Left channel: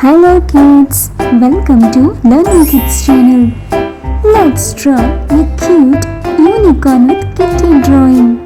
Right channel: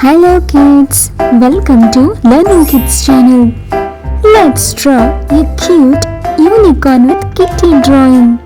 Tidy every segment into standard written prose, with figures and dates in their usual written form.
Hello kids, welcome to Learning Kids channel. Let's draw a cute unicorn with kitty drawing.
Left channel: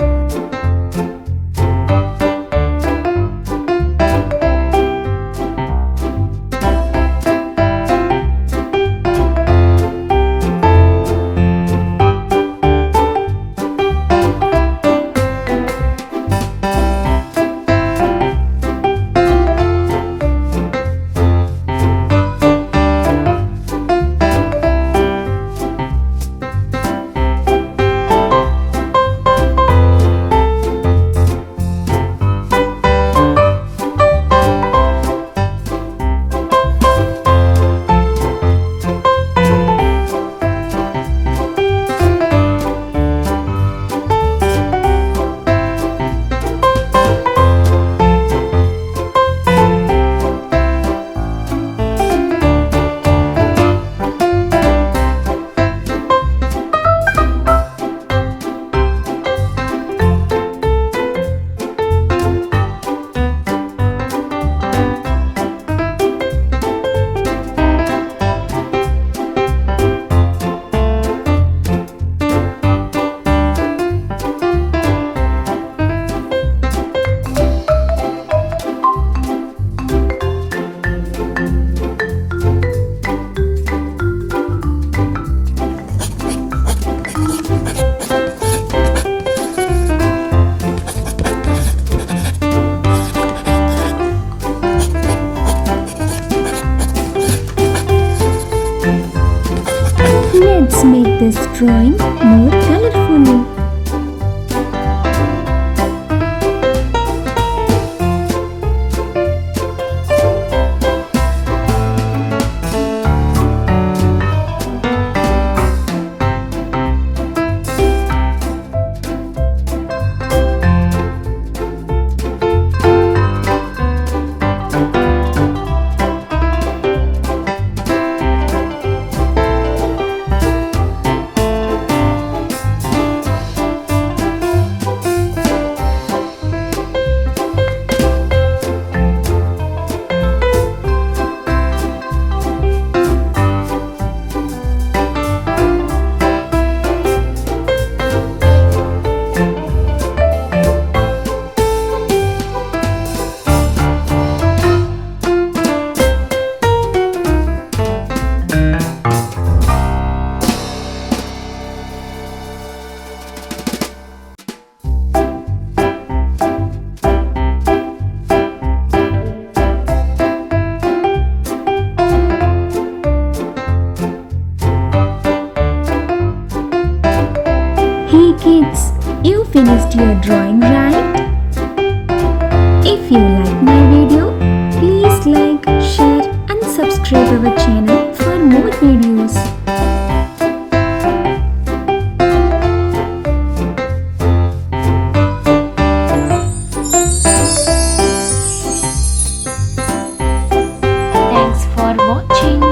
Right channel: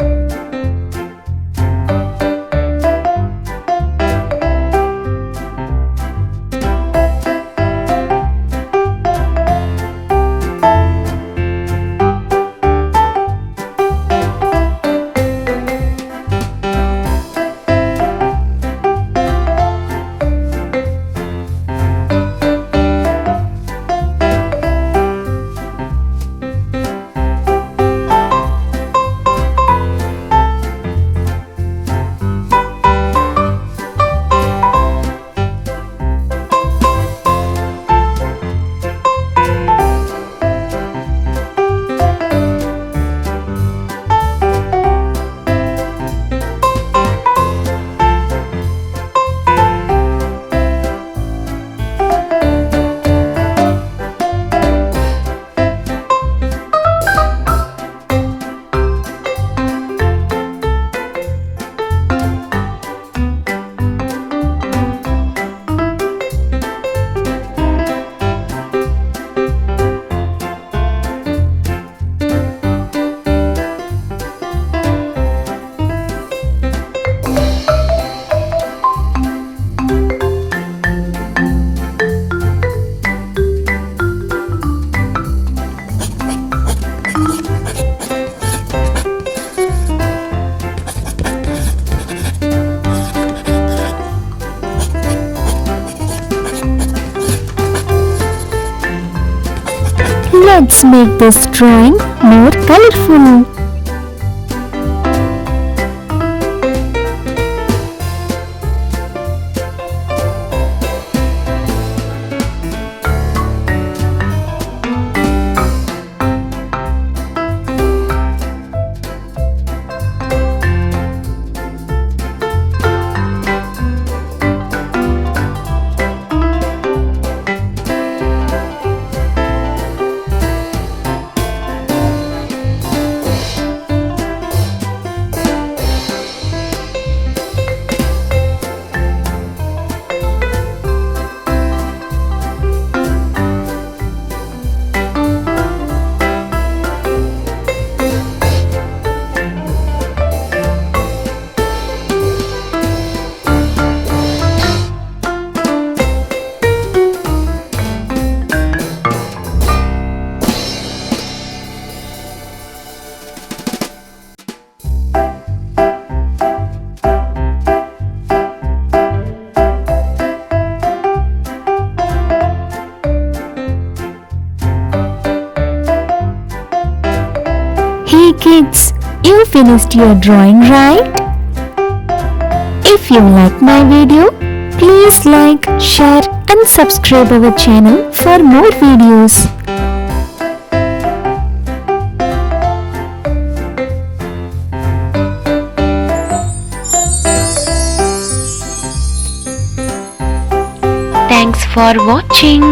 Let's make this drawing more colorful. Hey kids, you finished your drawing, right? If you like my video, please like, share and subscribe our channel for more videos. Thanks for watching.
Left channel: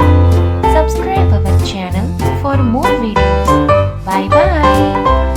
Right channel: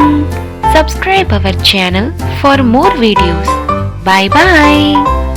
Subscribe our channel for more videos. Bye bye.